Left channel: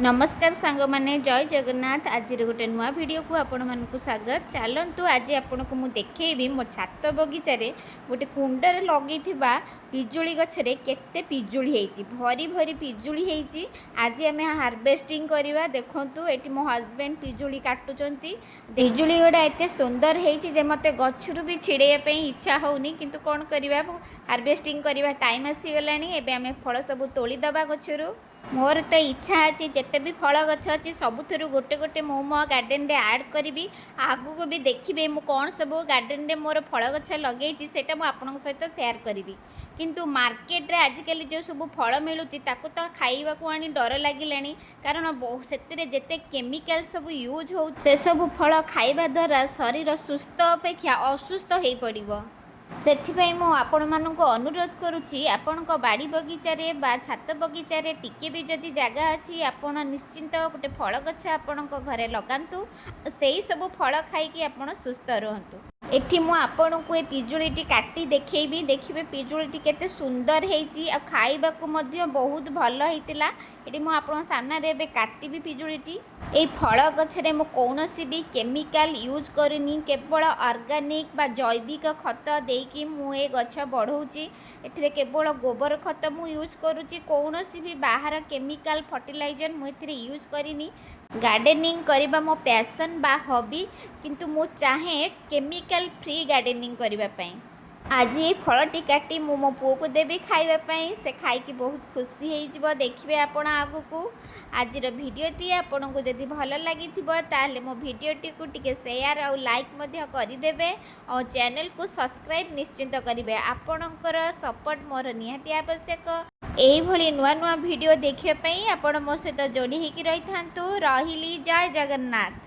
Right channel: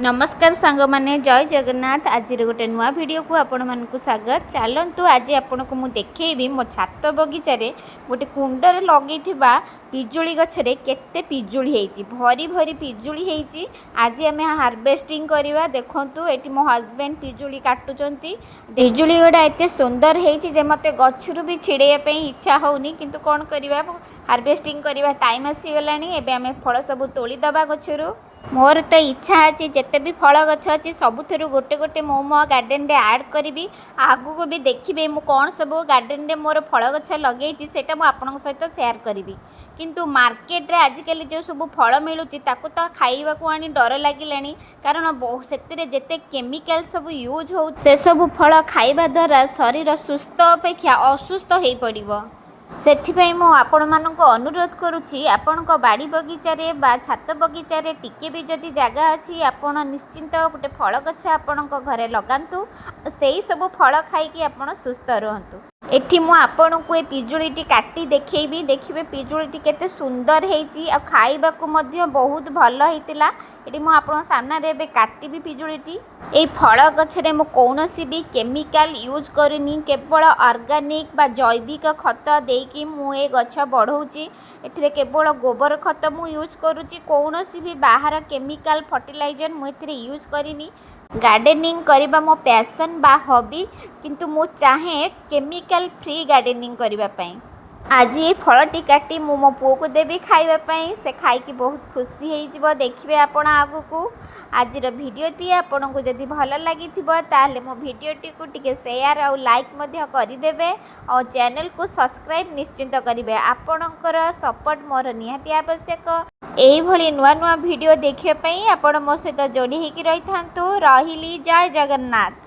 नमस्कार सांग माने जय जगन्नाथ। आज गोटे नुआ वीडियो को आपण मानकु स्वागत। चलतु आज आपण को मु देखैबी मो छात बगीचारे गोटे कुंडर लगे पिजुली गछरे केते पिजुली हेची, भरी भरी पिजुली हेची। आज आम हार्वेस्टिंग करवा। देखंतु एटी मो हस्बैंड पिजुली काटुचंती। पिजुली गोटा एते सुंदर हेची जे मते गछरु भी छिड़ेया पे इच्छा होउनी, किंतु कोन करबा हार्वेस्टिंग करवा टाइम आसी गलानी। एबे आम फल सब तोली दबा गछरु। मोर तो इच्छा अच्छी जिते भी फल गछ अच्छी सबुथ गोटे गोटे मो गार्डन रे ऐड करी। आगु को भी देखिए मु कौन सब गार्डन रे मोर फल गछ लगे सेटा मु आपन सहित शेयर करी। किंतु मार्केट रे आजिकल जो सब फल मिलूची ताकू तो खाइबा को आनी डर लागिलानी, कारण से जेते केमिकल सब यूज हो से सब फल खाइबा द्वारा शरीर सुस्थ अपेक्षा असुस्थ हो पड़िबो। सेथिपाई मु आपण मानक अनुरोध करुछि, आपणक बाड़ी बगीचारे बा छात बगीचारे टिके भी जदि जगह अछि आपण निश्चिंत गोटे फल गछ आपणक घरे लगांतु। सेही सब फल खाइकी आपण सुस्थ रहंतु। एठी मु आपणक ए पिजुलीटी काटी देखैबी, देखिबे पिजुलीटी केते सुंदर हेची आ खाइबा को मध्य बहुत भल हेतिला। एटी मु आपण सामना रे बे काटिबी पिजुलीटी। ए फल गछरे मु कौनसी भी केमिकल यूज करूनी, केवल ऑर्गेनिक बा जैविक खत देकी मु ए गछ बढ़ौची। एथिरे केवल गोबर खत मु यूज करूची, कौनसी भी बाहर केमिकल फर्टिलाइजर मु एथिरे यूज करिनी। गार्डनिंग करबा मो पैशन बा हॉबी, किंतु मु चाहे केमिकल फ्री गार्डनिंग करबा पई। आज ये फलटी काटी मु मो पुओ को देवी खाइबा, से खाइकी बहुत खुशी हो। देखिए आपण आगु को आज भिडटी आपन को जदि भल लगी ताले मो भिडटी को टिके शेयर और लाइक करदे और चैनल को सब्सक्राइब निश्चिंत करेंगे। आपणकर सपोर्ट मोर निहाती आवश्यक। यही नुआ नुआ वीडियो देखापी आपण मो सहित जोड़ी होगी रही था। रही जय जगन्नाथ।